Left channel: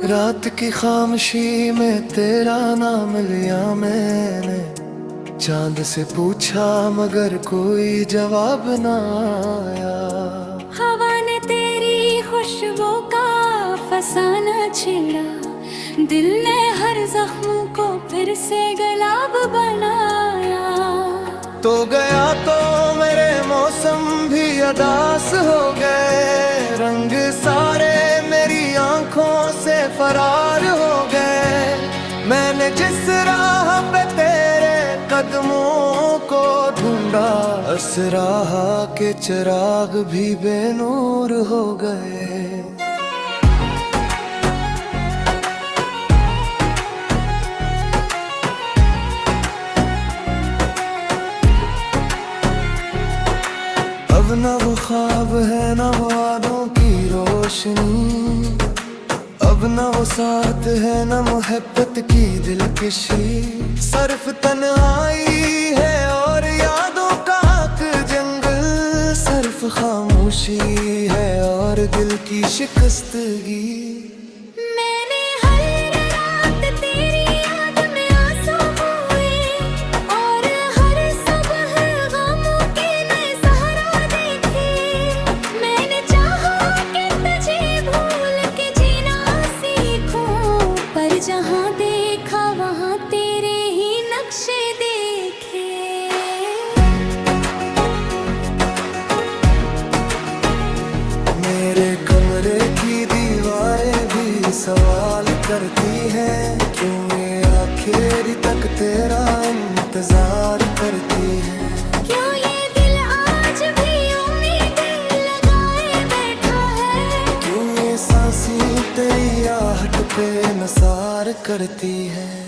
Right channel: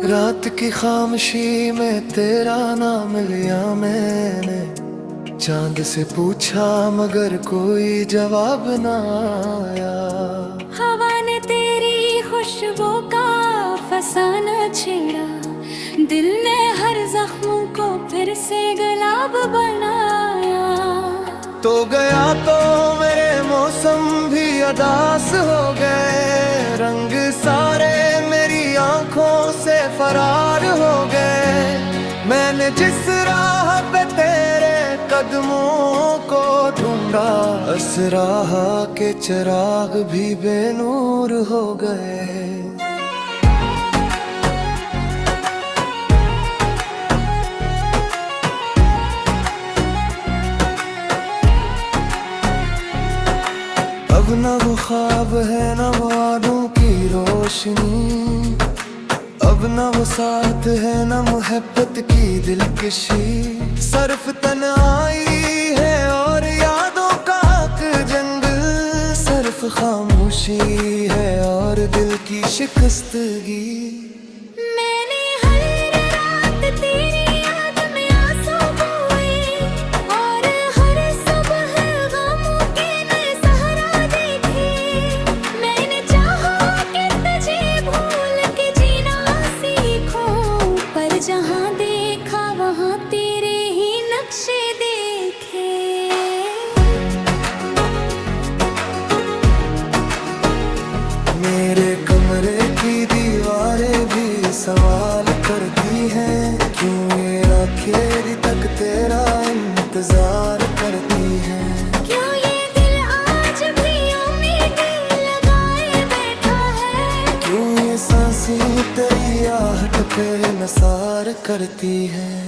रात की खामोशी में तेरा नाम लिया मैंने, चांद से पूछा मगर कोई जवाब ना आया। हवा ने तेरी खुशबू का फसाना छेड़ा, दिल ने हर जख्म को फिर से गुलाब बनाया। तो गया तो मेरे मौसम भी अदास हो गए, रंग सारे मेरी आंखों से फरार हो गए। मैंने जिस राह पे तेरे कदमों को ढूंढा, उस राह के चिराग भी बेनूर हो गए। अब न वो ख्वाब है न वो यादों की रोशनी, अब न वो साथ है न मोहब्बत की दिलकशी। सिर्फ तन्हाई है और यादों का हक जंगल, सिर्फ खामोशी है और दिल की शिकस्तगी। मैंने हर रात तेरी याद में आंसू बहाए और हर सुबह गमों के नए सहारा देखे। मैंने चाहा कि तुझे भूल के जीना सीखूं, पर जहां देखा वहां तेरे ही नक्शे देखे। मेरे कमरे की दीवारें भी सवाल करती हैं, क्यों ये आखिर तक तेरा इंतजार करती हैं। क्यों ये दिल आज भी उम्मीदें लगाए बैठा है, क्यों ये सांसें तेरी आहट पे नसार करती हैं।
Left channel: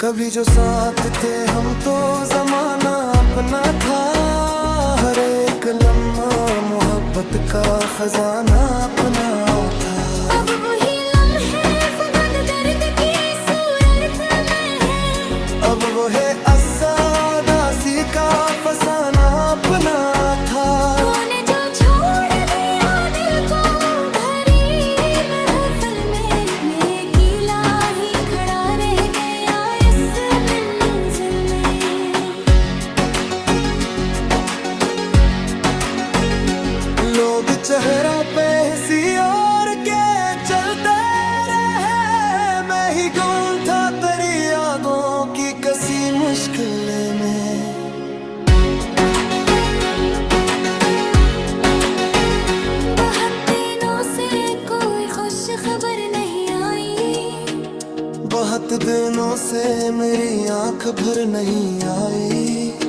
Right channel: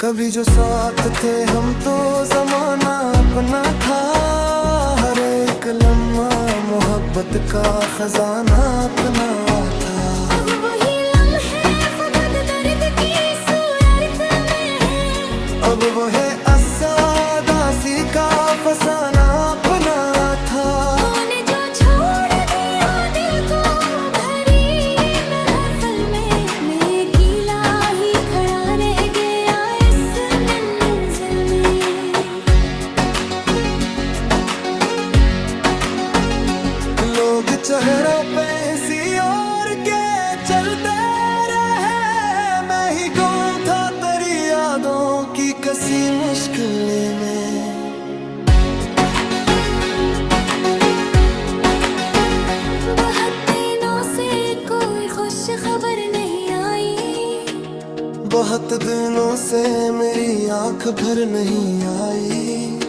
कभी जो साथ थे हम तो जमाना अपना था, हर एक लम्हा मोहब्बत का खजाना अपना था। अब वही लम्हे फकत दर्द की सूरत में है, अब वो है असादासी का फसाना अपना था। तूने जो छोड़ दिया दिल को भरी महफिल में, मैं अकेला ही खड़ा रह गया इस मंजिल में। लोग चेहरों पे हंसी और के चलते रहे, मैं ही गुम था तेरी यादों की कसी मुश्किल में। बहुत दिनों से कोई खुश खबर नहीं आई, बहुत दिनों से मेरी आंख भर नहीं आई।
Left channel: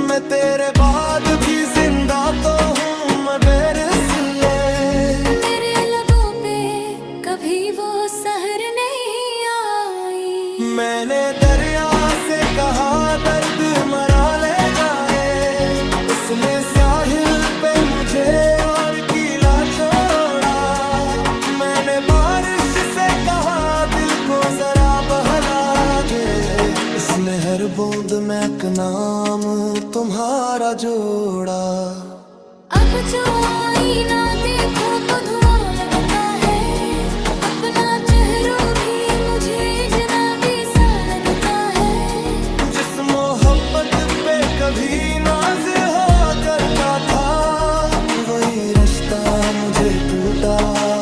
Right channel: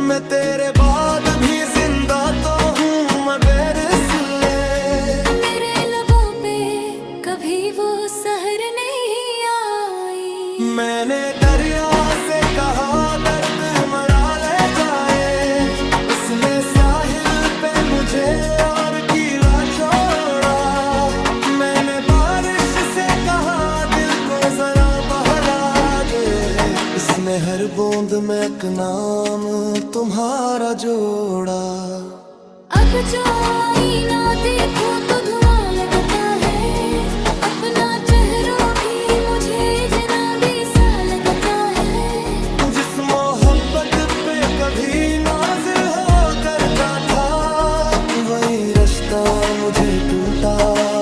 मैं तेरे बाद भी जिंदा तो हूँ मगर इसलिए मेरे लबों पे कभी वो सहर नहीं आई। मैंने दरिया से कहा दर्द मरा ले जाए, उसने साहिल पे मुझे और कीला छोड़ा। मैंने बारिश से कहा दिल को जरा बहला दे, इसने हर बूंद में एक नाम तुम्हारा जोड़ा। अब जो आईना देखूं तो धुआं लगता है, अपना चेहरा भी मुझे जनाबी सा लगता है। जिस मोहब्बत पे कभी नाज हो करता था, वही रिश्ता मुझे टूटा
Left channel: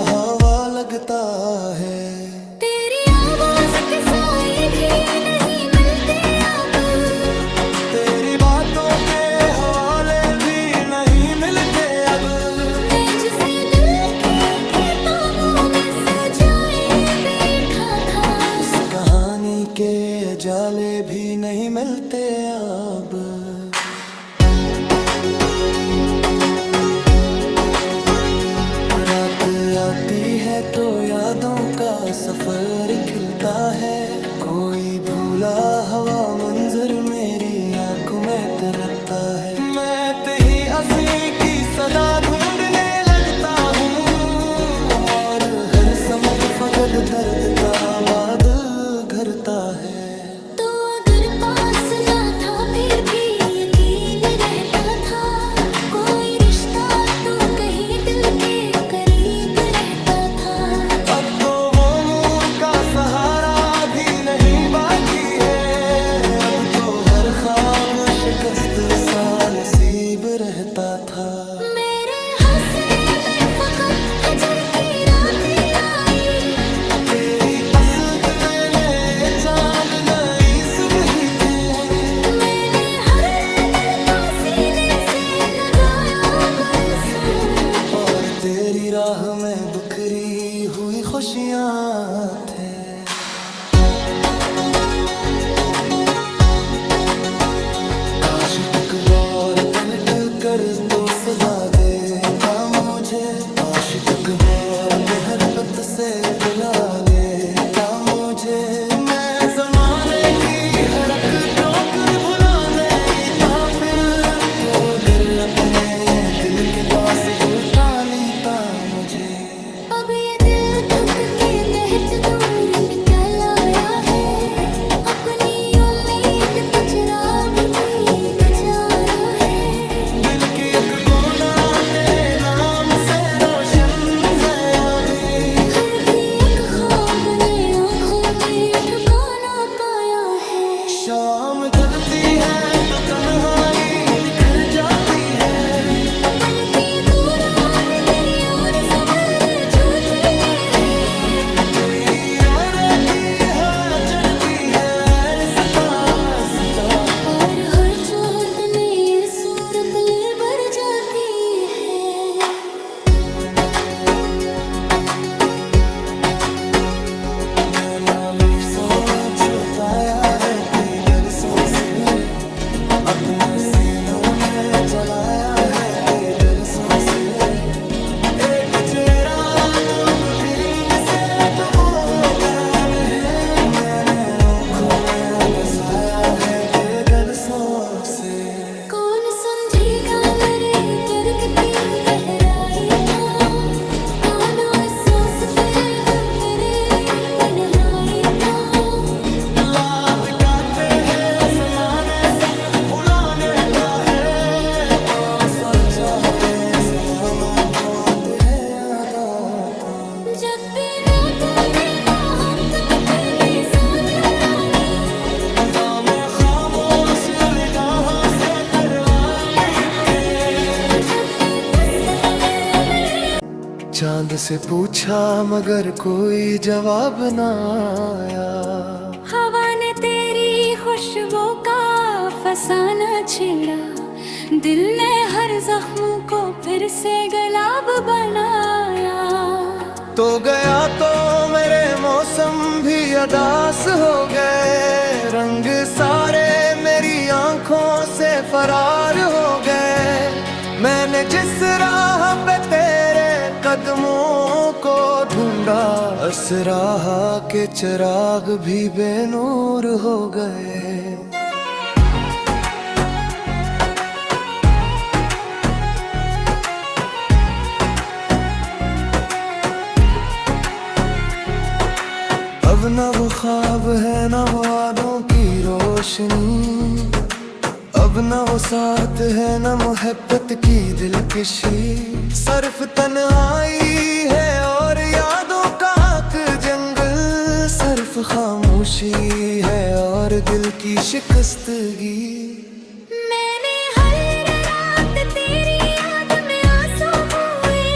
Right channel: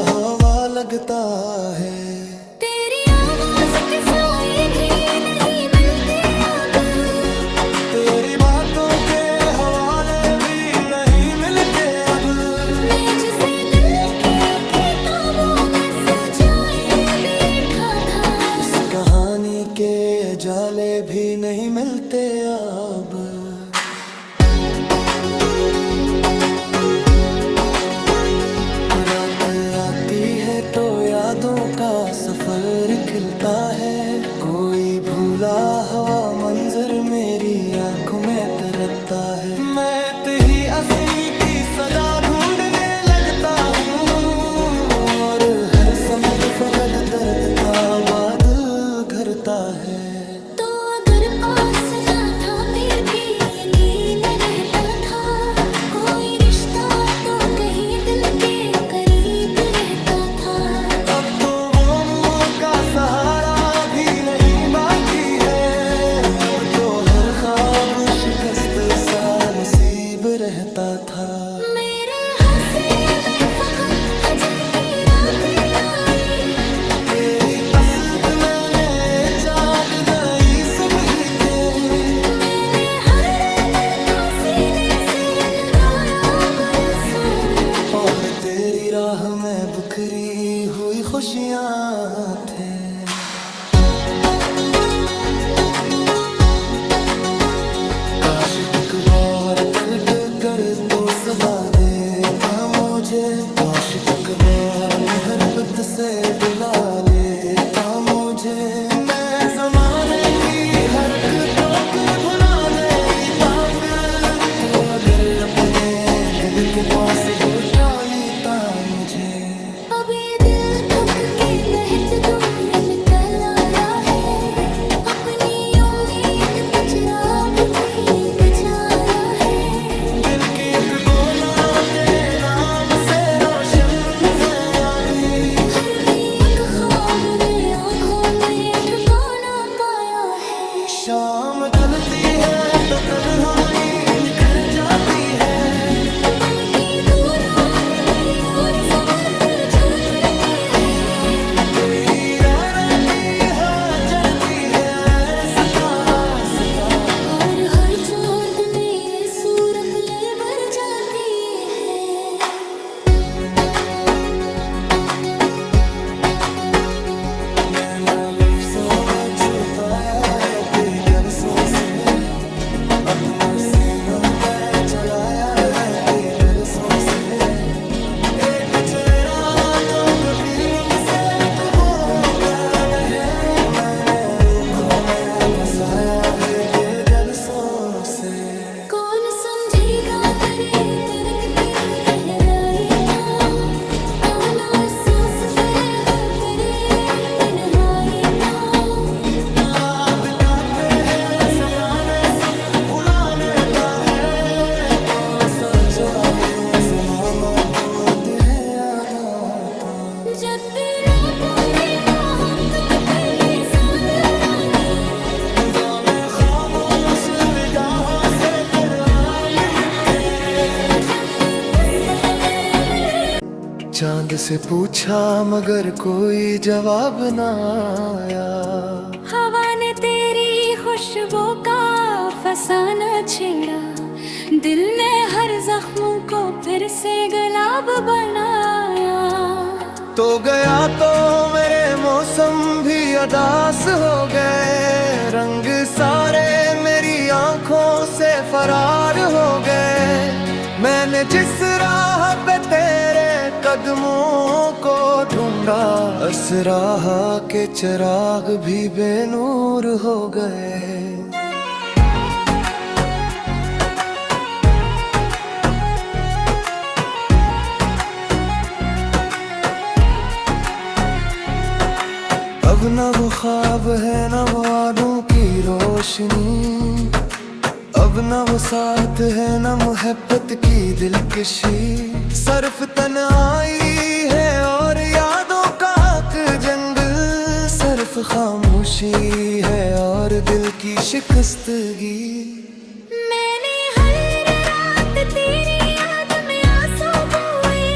हवा लगता है। तेरी आवाज के साए भी नहीं मिलते अब, तेरी बातों के हवाले भी नहीं मिलते अब। मैं जिसे दिल की किताबों में सजाए बैठा था, इस कहानी के जाले भी नहीं मिलते अब। रात आती है तो यादों का सफर खिलता है, कोई भूला हवा मंजर मेरी आंखों में तरता है। मैं तेरी हंसी की सदा ढूंढने लगता हूँ, और हर समत फकत दर्द का बाद घरता है। तो अगर पास ना था फिर भी यकीन रहता था, कोई रिश्ता तो कहीं दिल के करीब रहता था। अब तो वो ख्वाब शिकस्त सा नसीब रहता था। मेरे हंसे में फकत हजर की रातें आई, तेरी असद मैंने चांद नई सुबह थे। मैंने हर दर को सीने से लगाया बरसों, और तेरी राह में बिखरी हुई खुशियाँ थे। काश एक बार पलट कर तो सदा देता मुझे, काश एक बार मेहरबत से बुला लेता मुझे। मैं जमाने की हरकतों कर भुला देता फिर, तो अगर अपने दिल के पास बुला लेता मुझे। अब ये दिल थक के बहत दूर निकल आया है, अपनी उम्मीद का चिराग भी गजाया है। दिल की एक कोना तेरे नाम से रोशन है अभी, फिर भी एक ख्वाब ने आँखों में ठिकाना पाया है। शाम ढलती है तो तन्हाई निखर जाती है, बल्कि दूर और दरिया और सवर छूती है। तेरी राह रहती है चढ़ती है रास्ता रास्ता, और हर चोट में ये सूरत ले भर जाती है। मैंने लफ्ज़ों में छुपाया है कई तरसों से, अपने सीनों में चलाया है कई तरसों से। एक चेहरा जो कभी मुझसे डूबो मैं है, मैंने आँखों में बसाया है कई गलसों से। कौन समझेगा मेरे दर्द की गहराई को, कौन महसूस करेगा तेरे तन्हाई को। लात काटे हैं समाने सब भुला देता है, कौन सा चाहे ज़माना को तेरे यादा को। जब भी नाकामी मोहब्बत में सामिल रानी, गाँव में खामोश निगाहों से तेरे मीठे। जब भी फुर्सत में चांद से पूछा मगर कोई जवाब ना आया, हवा ने तेरी खुशबू का फसाना छेड़ा, दिल ने हर जख्म को फिर से गुलाब बनाया। तो गया तो मेरे मौसम भी अदास हो गए, रंग सारे मेरी आंखों से फरार हो गए। मैंने जिस राह पे तेरे कदमों को ढूंढा, उस राह के चिराग भी बेनूर हो गए। अब न वो ख्वाब है न वो वादों की रोशनी, अब न वो साथ है न मोहब्बत की दिलकशी। सिर्फ तन्हाई है और यादों का हक जंगल, सिर्फ खामोशी है और दिल की शिकस्तगी। मैंने हर रात तेरी याद में आंसू बहाए,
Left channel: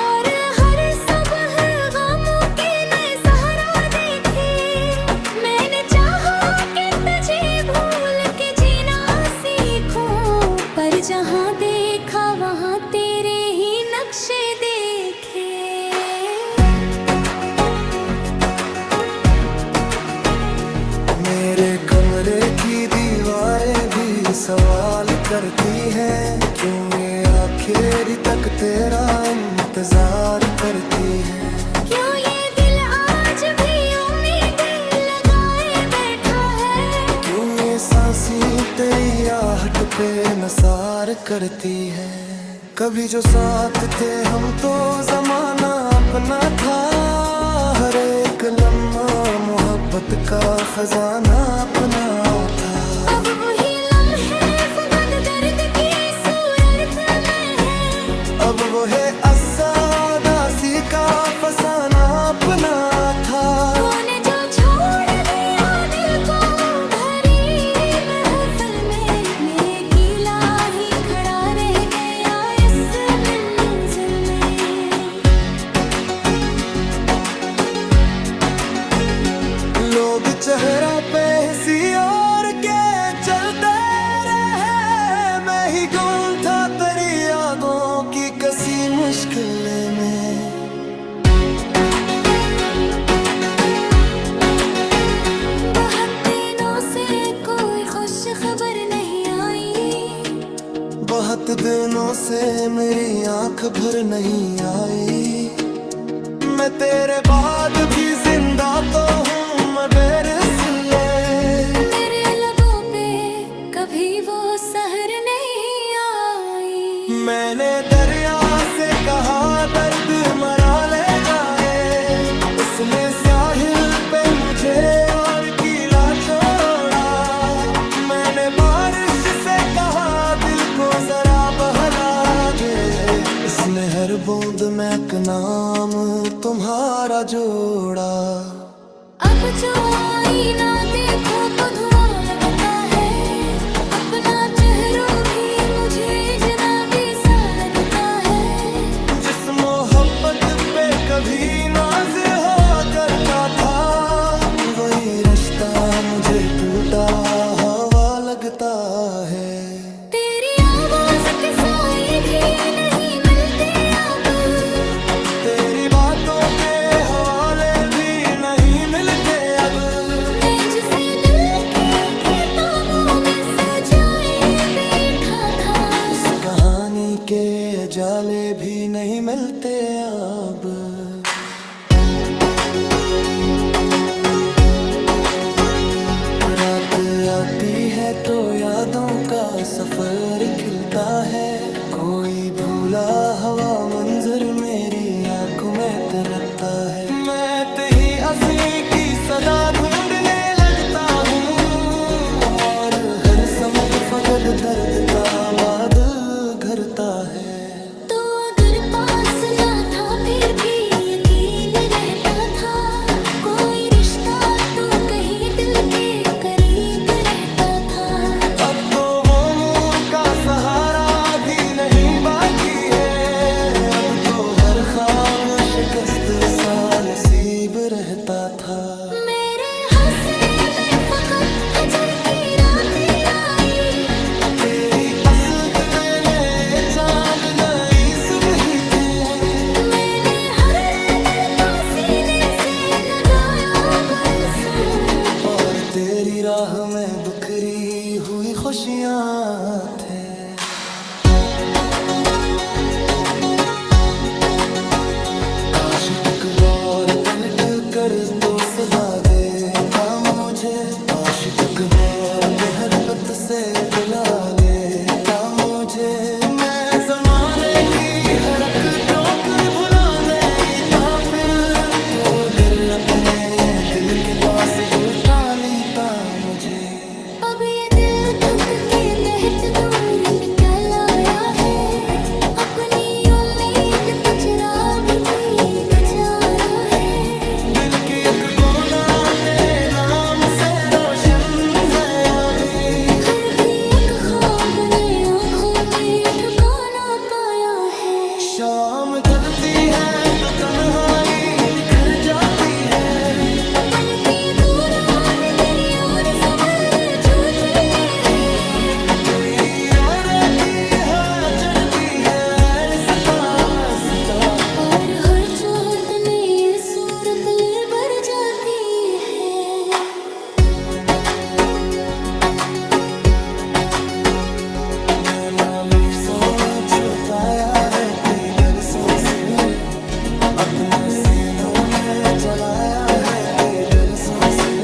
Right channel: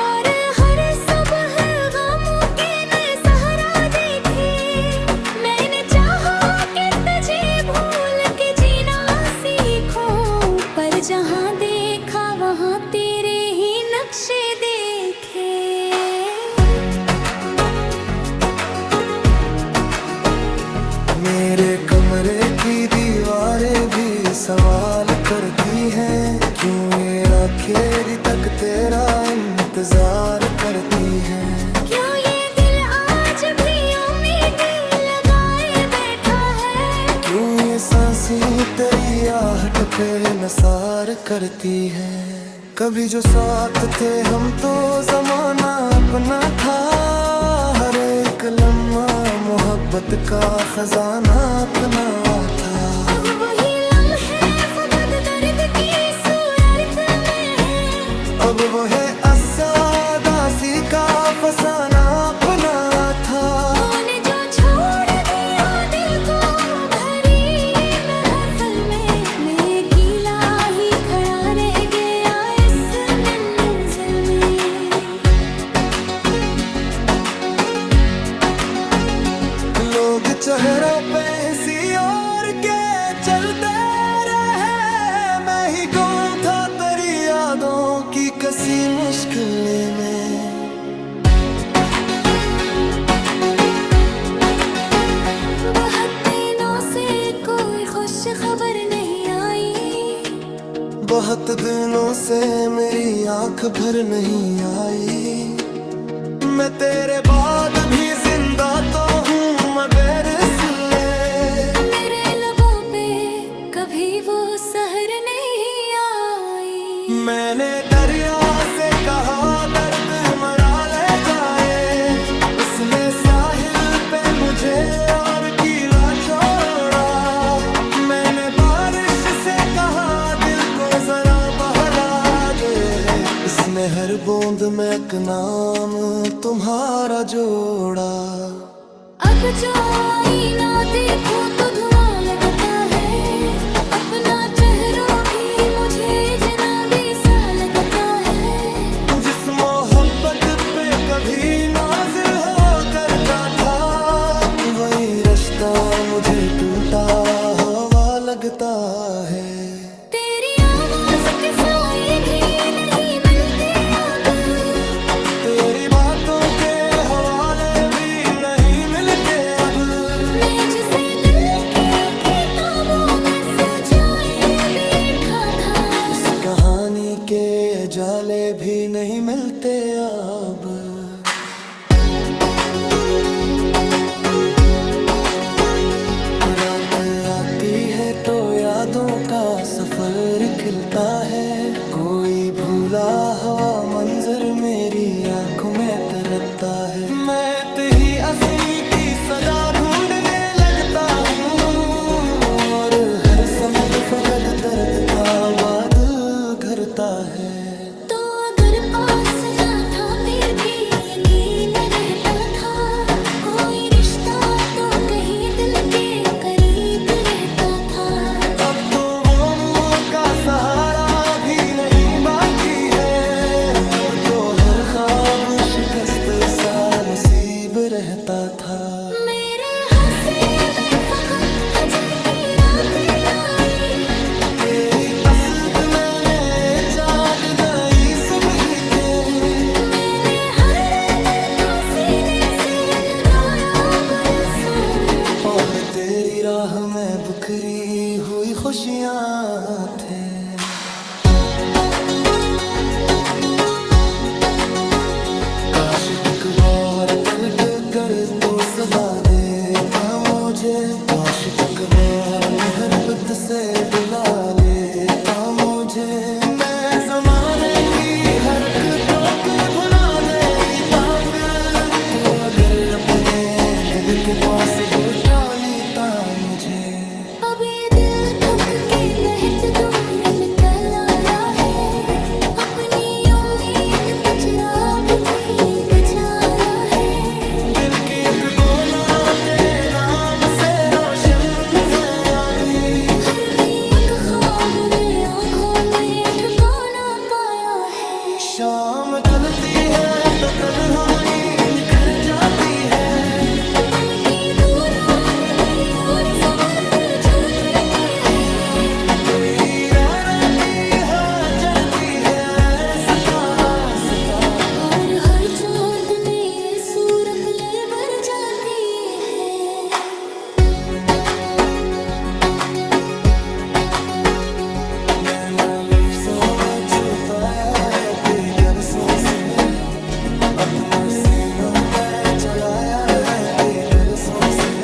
और हर सुबह गमों के नए सहारा देखे। मैंने चाहा कि तुझे भूल के जीना सीखूं, पर जहां देखा वहां तेरे ही नक्शे देखे। मेरे कमरे की दीवारें भी सवाल करती हैं, क्यों ये आखिर तक तेरा इंतजार करती हैं। क्यों ये दिल आज भी उम्मीदें लगाए बैठा है, क्यों ये सांसें तेरी आहट पे नसार करती हैं। कभी जो साथ थे हम तो जमाना अपना था, हर एक लम्हा मोहब्बत का खजाना अपना था। अब वही लम्हे फकत दर्द की सूरत में है, अब वो है असादासी का फसाना अपना था। तूने जो छोड़ दिया दिल को भरी महफिल लोग चेहरों पे हंसी और के चलते रहे, मैं ही गुम था तेरी यादों की कसी मुश्किल में। बहुत दिनों से कोई खुश खबर नहीं आई, बहुत दिनों से मेरी आंख भर नहीं आई। मैं तेरे बाद भी जिंदा तो हूँ मैं बेरसले, मेरे लबों पे कभी वो सहर नहीं आई। मैंने दरिया से कहा दर्द मरा ले जाए, उसने साहिल पे मुझे और कीला छोड़ा। मैंने बारिश से कहा दिल को जरा बहला दे, इसने हर बूंद में एक नाम तुम्हारा जोड़ा। अब जो आईना देखो तो धुआं लगता है, अपना चेहरा भी मुझे जनाबी सा लगता है। जिस मोहब्बत पे कभी नाज हो करता था, वही रिश्ता मुझे टूटा हवा लगता है। तेरी आवाज के साए भी नहीं मिलते अब, तेरी बातों के हवाले भी नहीं मिलते अब। मैं जिसे दिल की किताबों में सजाए बैठा था, इस कहानी के जाले भी नहीं मिलते अब। रात आती है तो यादों का सफर खिलता है, कोई भूला हवा मंजर मेरी आंखों में तरता है। मैं तेरी हंसी की सदा ढूंढने लगता हूँ, और हर समत फकद दर्द का बादल घरता है। तो अगर पास ना था फिर भी यकीन रहता था, कोई रिश्ता तो कहीं दिल के करीब रहता था। अब तो वो मुंह का सहारा भी नहीं बाकी है, अब तो हर ख्वाब शिकस्त सा नसीब रहता था। मेरे हंसे में फकत हजर की रातें आई, तेरी असद मैंने चांद नई सुबह थे। मैंने हर दर को सीने से लगाया बरसों, और तेरी राह में बिखरी हुई खुशियाँ थे। काश एक बार पलट कर तो सदा देखा मुझे, काश एक बार मोहब्बत से बुला लेता मुझे। मैं जमाने की हरक ठोकर भुला देता फिर, तो अगर अपने दिल के पास बुला लेता मुझे। अब ये दिल थक के बहत दूर निकल आया है, अपनी उम्मीद का चिराग भी गजाया है। दिल की एक कोना तेरे नाम से रोशन है अभी, हर भी एक ख्वाब ने आँखों में ठिकाना पाया है। शाम ढलती है तो तन्हाई निखर जाती है, बल्कि दूरान दरिया और सवर छूती है। तेरी राह रहती है चढ़ती है रास्ता रास्ता, और हर चोट में ये सूरत ले भर जाती है। मैंने लफ्ज़ों में छुपाया है कई तरसों से, अपने सीनों में चलाया है कई तरसों से।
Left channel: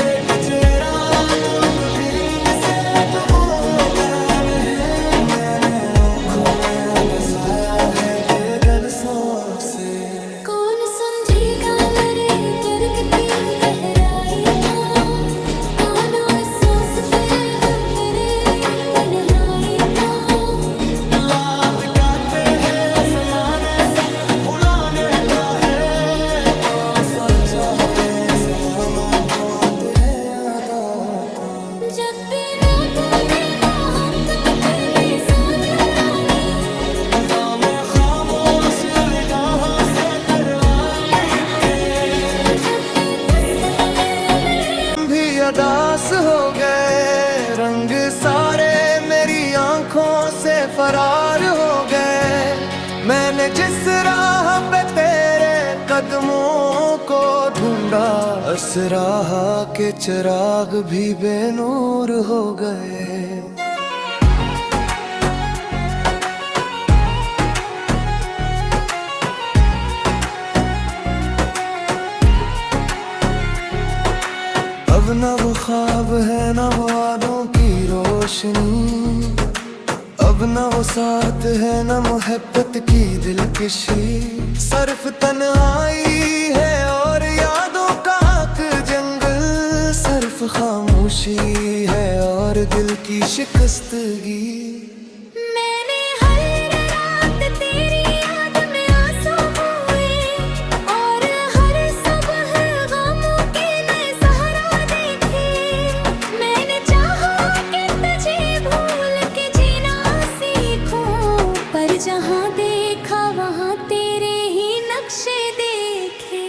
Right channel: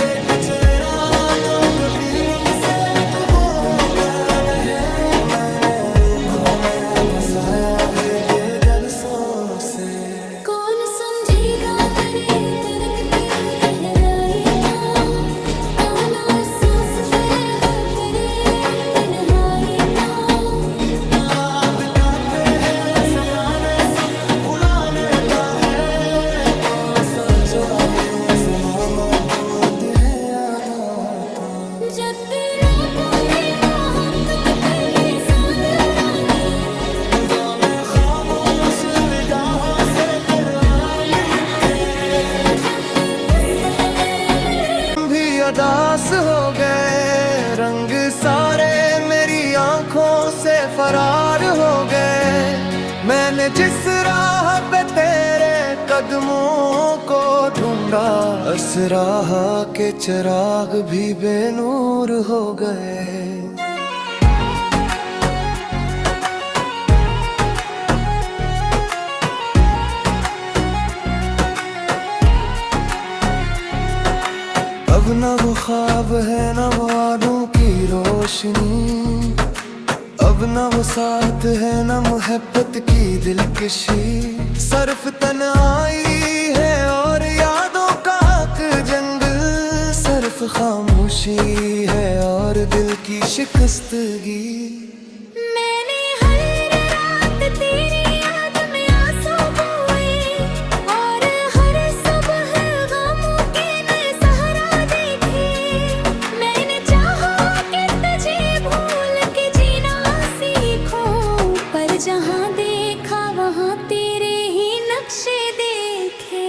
एक चेहरा जो कभी मुझसे डूबो गया है, मैंने आँखों में बसाया है बेगरसों से। कौन समझेगा मेरे दर्द की गहराई को, कौन महसूस करेगा तेरे तन्हाई को। लात काटे हैं समाने सब भुला देता है, कौन सोचा है समाना को तेरे यादा को। जब भी रात में मोहब्बत की मैं सानी, गा में खामोश निगाहों से तेरे मीठे। जब भी दस्तक में भी अदास हो गए, रंग सारे मेरी आंखों से फरार हो गए। मैंने जिस राह पे तेरे कदमों को ढूंढा, उस राह के चिराग भी बेनूर हो गए। अब न वो ख्वाब है न वो वादों की रोशनी, अब न वो साथ है न मोहब्बत की दिलकशी। सिर्फ तन्हाई है और यादों का हक जंगल, सिर्फ खामोशी है और दिल की शिकस्तगी। मैंने हर रात तेरी याद में आंसू बहाए और हर सुबह गमों के नए सहारा देखे। मैंने चाहा कि तुझे भूल के जीना सीखूं, पर जहां देखा वहां तेरे ही नक्शे देखे।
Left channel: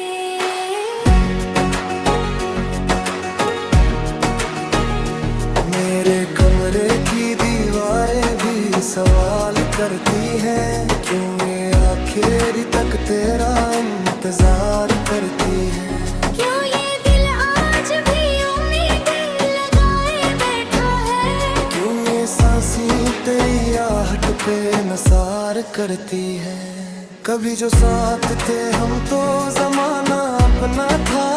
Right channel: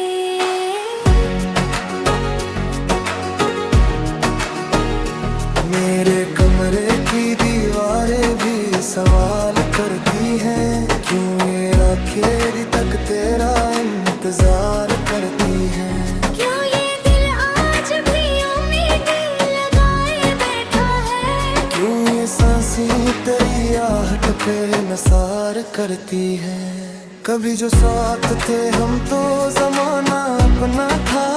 मेरे कमरे की दीवारें भी सवाल करती हैं, क्यों ये आखिर तक तेरा इंतजार करती हैं। क्यों ये दिल आज भी उम्मीदें लगाए बैठा है, क्यों ये सांसें तेरी आहट पे नसार करती हैं। कभी जो साथ थे हम तो जमाना अपना था,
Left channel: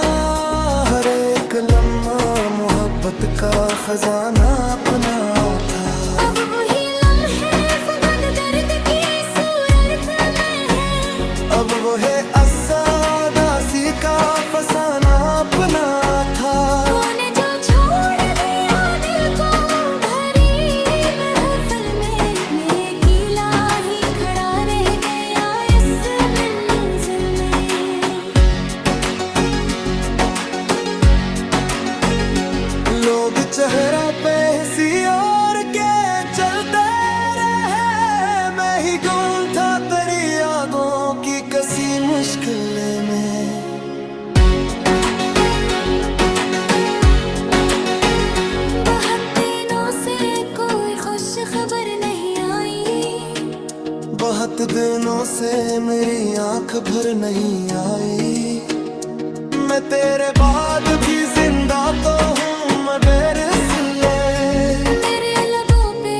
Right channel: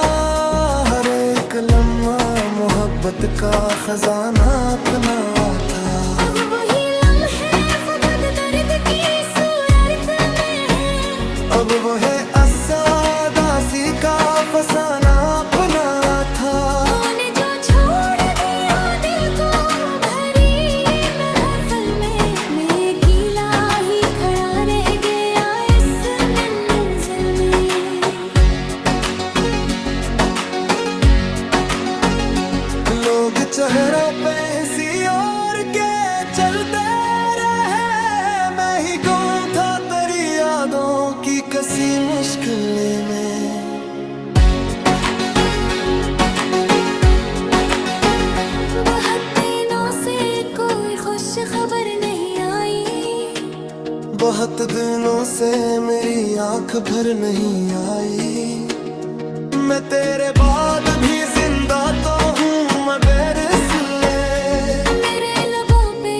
हर एक लम्हा मोहब्बत का खजाना अपना था। अब वही लम्हे फकत दर्द की सूरत में है, अब वो है असादासी का फसाना अपना था। तूने जो छोड़ दिया दिल को भरी महफिल में, मैं अकेला ही खड़ा रह गया इस मंजिल में। लोग चेहरों पे हंसी और के चलते रहे, मैं ही गुम था तेरी यादों की कसी मुश्किल में। बहुत दिनों से कोई खुश खबर नहीं आई, बहुत दिनों से मेरी आंख भर नहीं आई। मैं तेरे बाद भी जिंदा तो हूँ मैं बेरसले, मेरे लबों पे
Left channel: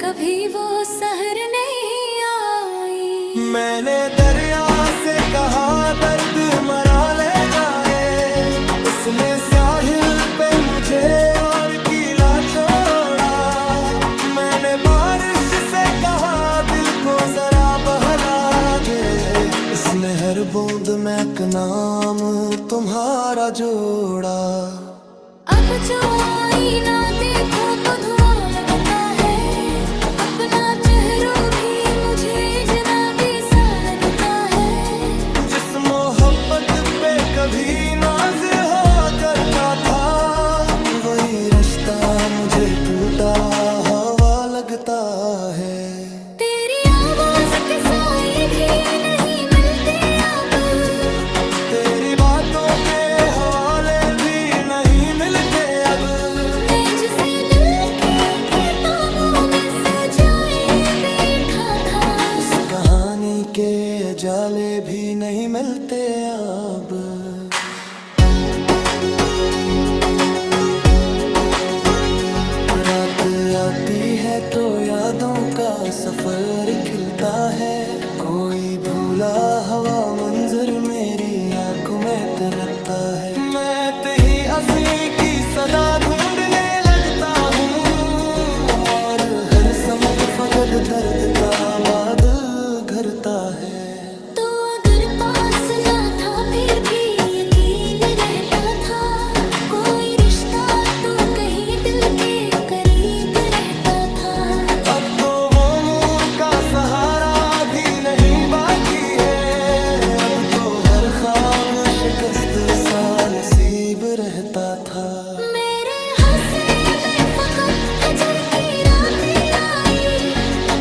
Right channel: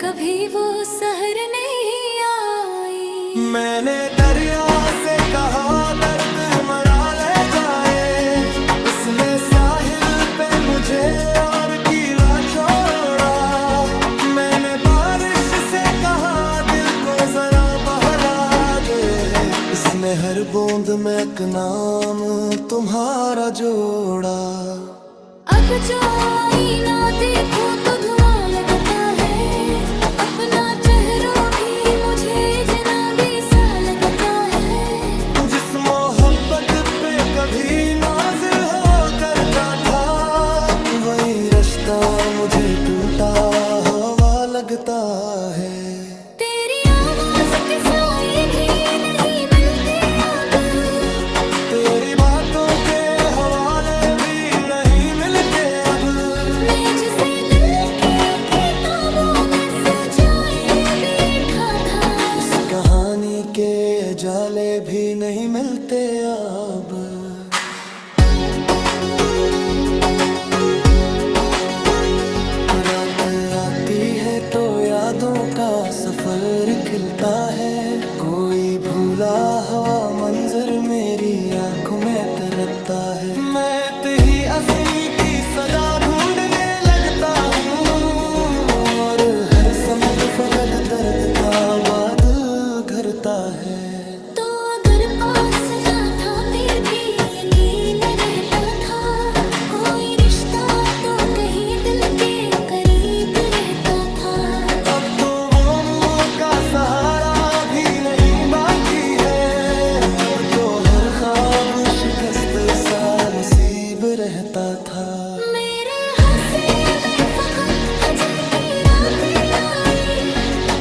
कभी वो सहर नहीं आई। मैंने दरिया से कहा दर्द मरा ले जाए, उसने साहिल पे मुझे और कीला छोड़ा। मैंने बारिश से कहा दिल को जरा बहला दे, इसने हर बूंद में एक नाम तुम्हारा जोड़ा। अब जो आईना देखो तो धुआं लगता है, अपना चेहरा भी मुझे जनाबी सा लगता है। जिस मोहब्बत पे कभी नाज हो करता था, वही रिश्ता मुझे टूटा हवा लगता है। तेरी आवाज के साए भी नहीं मिलते अब, तेरी बातों के हवाले भी नहीं मिलते अब। मैं जिसे दिल की किताबों में सजाए बैठा था, इस कहानी के जाले भी नहीं मिलते अब। रात आती है तो यादों का सफर खिलता है, कोई भूला हवा मंजर मेरी आंखों में तरता है। मैं तेरी असी की सदा ढूंढने लगता हूँ, और हर समत फकत दर्द का बादल घरता है। तो अगर पास ना था फिर भी यकीन रहता था, कोई रिश्ता तो कहीं दिल के करीब रहता था। अब तो वो मुंह का सहारा भी नहीं बाकी है, अब तो हर ख्वाब शिकस्त सा नसीब रहता था। मेरे हंसे में फकत हजर की रातें आई,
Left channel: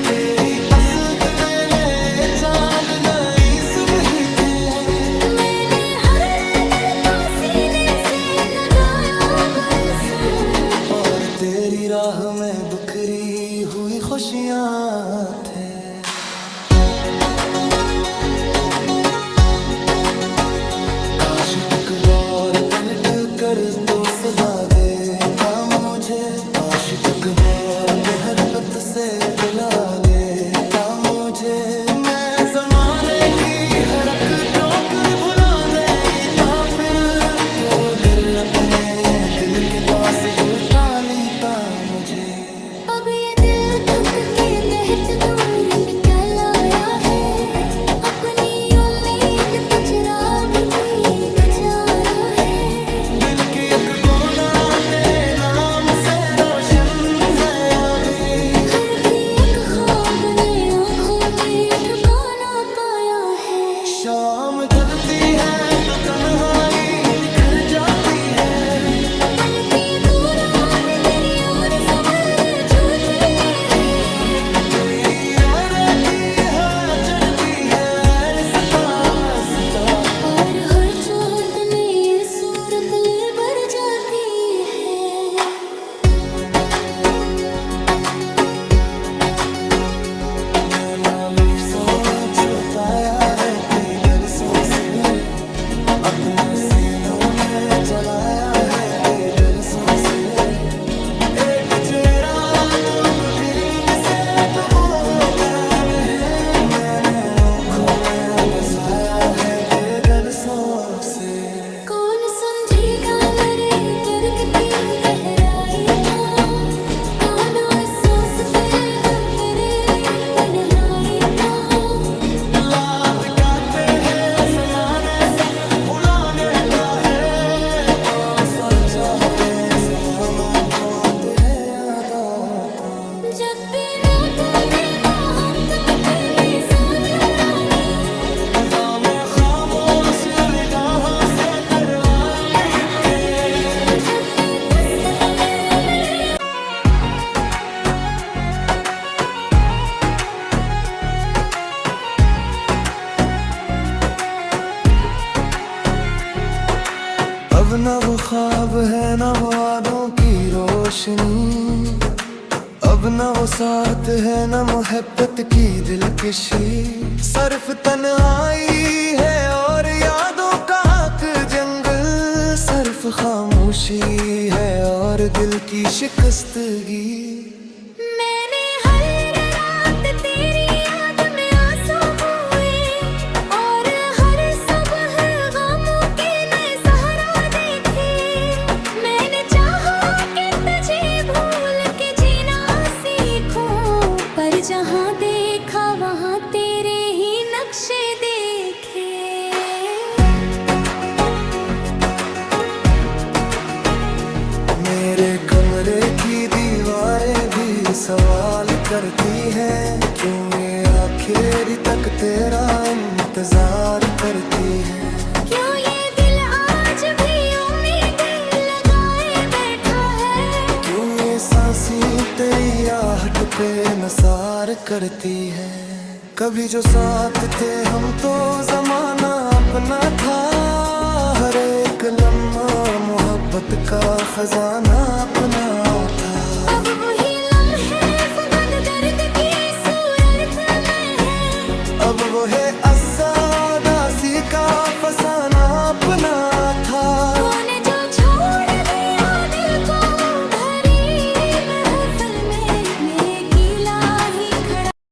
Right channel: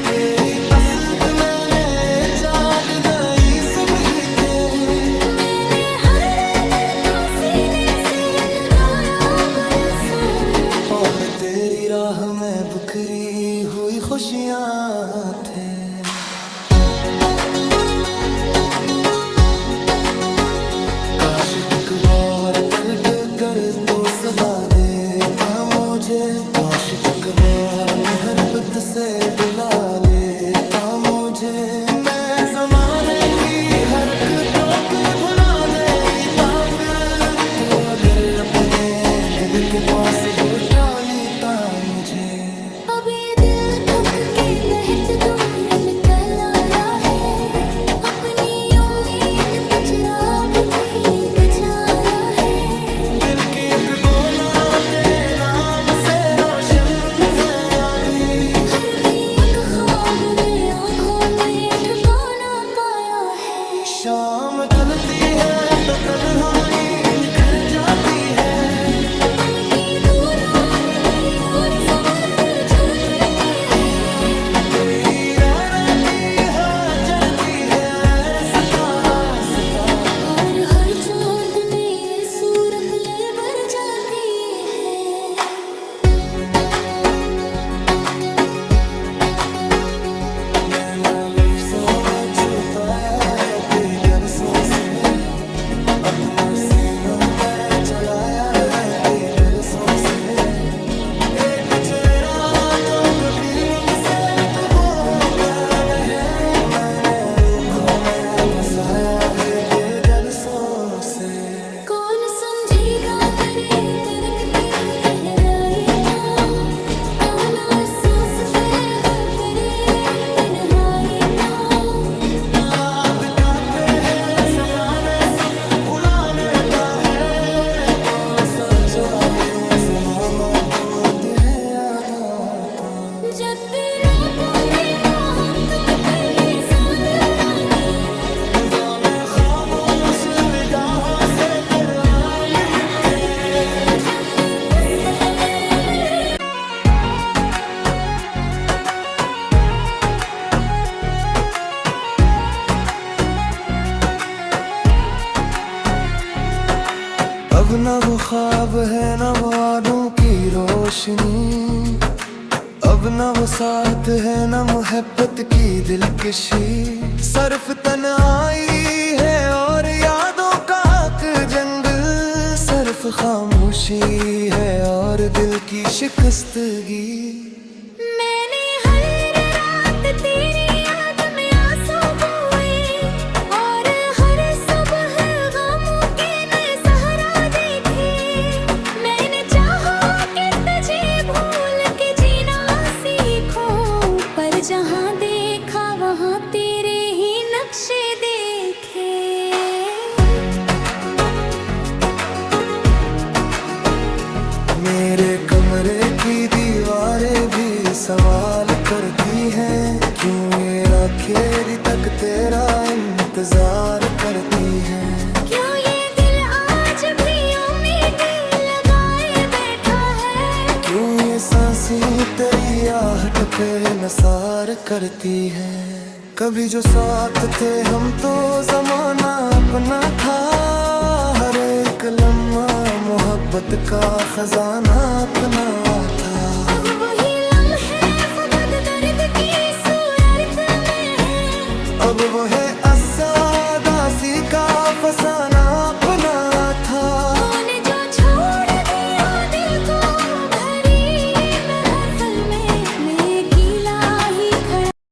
तेरी असद मैंने चांद नई सुबह थे। मैंने हर दर्द को सीने से लगाया तेरी राह में बिखरी हुई खुशियाँ थे। काश एक बार पलट कर तो सदा देता मुझे, काश एक बार मोहब्बत से बुला लेता मुझे। मैं जमाने की हरकतों कर भुला देता फिर, तो अगर अपने दिल के पास बिठा लेता मुझे। अब ये दिल थक के बहत दूर निकल आया है, अपनी उम्मीद का चिराग भी बुझाया है। दिल की एक कोना तेरे नाम से रोशन है अभी, हर भी एक ख्वाब ने आँखों में ठिकाना पाया है। शाम ढलती है तो तन्हाई निखर जाती है, बल्कि दूर और दरिया और सवर छूती है। तेरी राह रहती है चढ़ती है रास्ता रास्ता, और हर चोट में ये सूरत ले भर जाती है। मैंने लफ्ज़ों में छुपाया है कई तरसों से, अपने सीनों में चलाया है कई तरसों से। एक चेहरा जो कभी मुझसे डूबो पैम है, मैंने आँखों में बसाया है बेगरसों से। कौन समझेगा मेरे दर्द की गहराई को, कौन महसूस करेगा तेरे तन्हाई को। लात काटे हैं समाने सब भुला देता है, तोल सजाए ज़माना को है यादा को। जब भी नाता भी मोहब्बत में सानी उड़ानी, गाँव में खामोश जहाँ से तेरे मीठे। जब भी फुर्सत में मिले। अब न वो ख्वाब है न वो वादों की रोशनी, अब न वो साथ है न मोहब्बत की दिलकशी। सिर्फ तन्हाई है और यादों का हक जंगल, सिर्फ खामोशी है और दिल की शिकस्तगी। मैंने हर रात तेरी याद में आंसू बोए, और हर सुबह गमों के नए सहारा देखे। मैंने चाहा कि तुझे भूल के जीना सीखूं, पर जहां देखा वहां तेरे ही नक्शे देखे। मेरे कमरे की दीवारें भी सवाल करती हैं, क्यों ये आखिर तक तेरा इंतजार करती हैं। क्यों ये दिल आज भी उम्मीदें लगाए बैठा है, क्यों ये सांसें तेरी आहट पे नसार करती हैं। कभी जो साथ थे हम तो जमाना अपना था, हर एक लम्हा मोहब्बत का खजाना अपना था। अब वही लम्हे फकत दर्द की सूरत में है, अब वो है असादासी का फसाना अपना था। कौन